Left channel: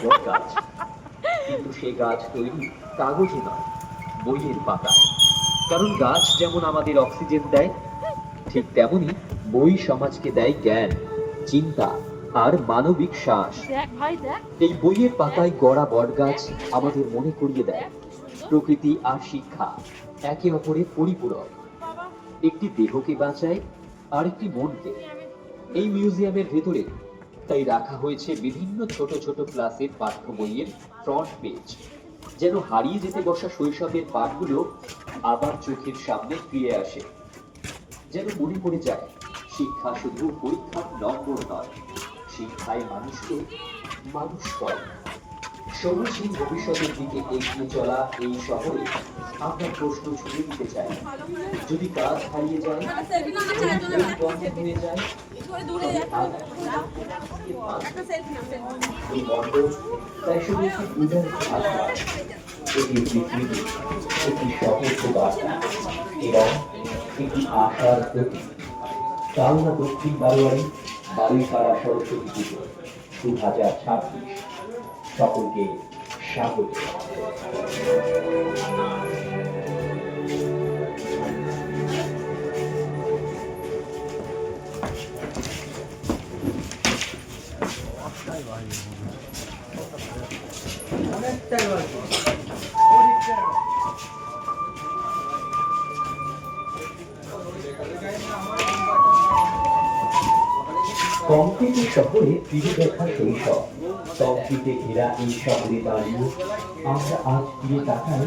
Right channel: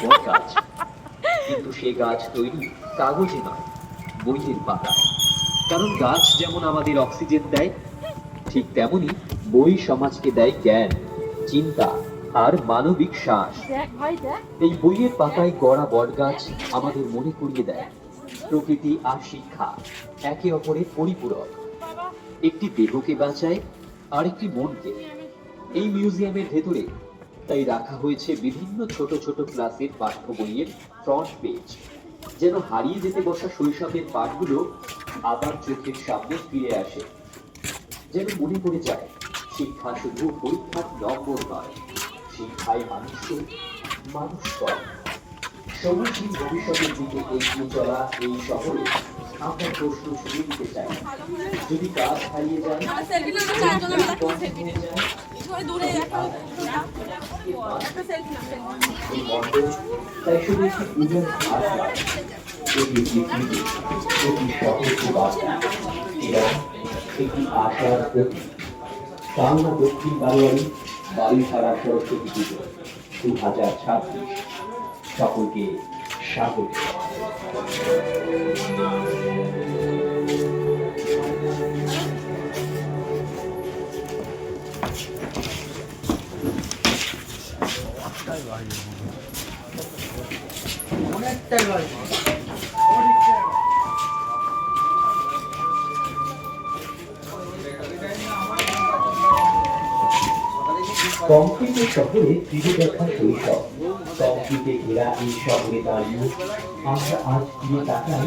বট গাছ, কিন্তু সে গাছ তৈরি কাগজে নয়, বইয়ের পাতায়। কারণ গাছ যেমন আমাদের অক্সিজেন দেয়, ঠিক তেমনি বই সমাজকে দেয় জ্ঞান, চিন্তা আর মানবিক শ্বাস। এই বইয়ের পাতায় গড়া বটগাছ আমাদের মনে করিয়ে দেয় প্রকৃতি আর শিক্ষা একে অপরের পরিপূরক। একটি দেহকে বাঁচায়, আরেকটি মনকে। এই মিউজিয়ামের ভেতরে তাই রাখা হয়েছে বিভিন্ন ছোট ছোট ক্লাসের পাঠ্য বইয়ের ফ্রন্ট পেজ, যেন হারিয়ে যেতে বসা শৈশবের পাঠগুলো আবার চোখের সামনে ফিরে আসে। যেন মনে পড়ে যায়, শিক্ষা শুধু পরীক্ষার নম্বর নয়, শিক্ষায় মানুষকে মানুষ করে। সবুজহীন ভবিষ্যতের দিকে এগিয়ে চলা এই শহরে আমরা প্রশ্ন ছুড়ে দিতে চাই, যদি কাজ হারিয়ে যায়, বন্ধ হয়ে যায়, এই মণ্ডল তাই শুধু একটি পূজার ভাগ নয়, এটি একটি স্মৃতি, একটি সতর্ক বার্তা এবং একটি আশার প্রতীক। কালনা দক্ষিণ বারোয়ারি বাড়িপাড়া সরস্বতী পুজো 2026 সকলকে স্বাগত। কংক্রিটের শহরে ফিরে দেখা শৈশব, কংক্রিটে ঘেরা এই শহরে দাঁড়িয়ে আমরা আজ ফিরে তাকাই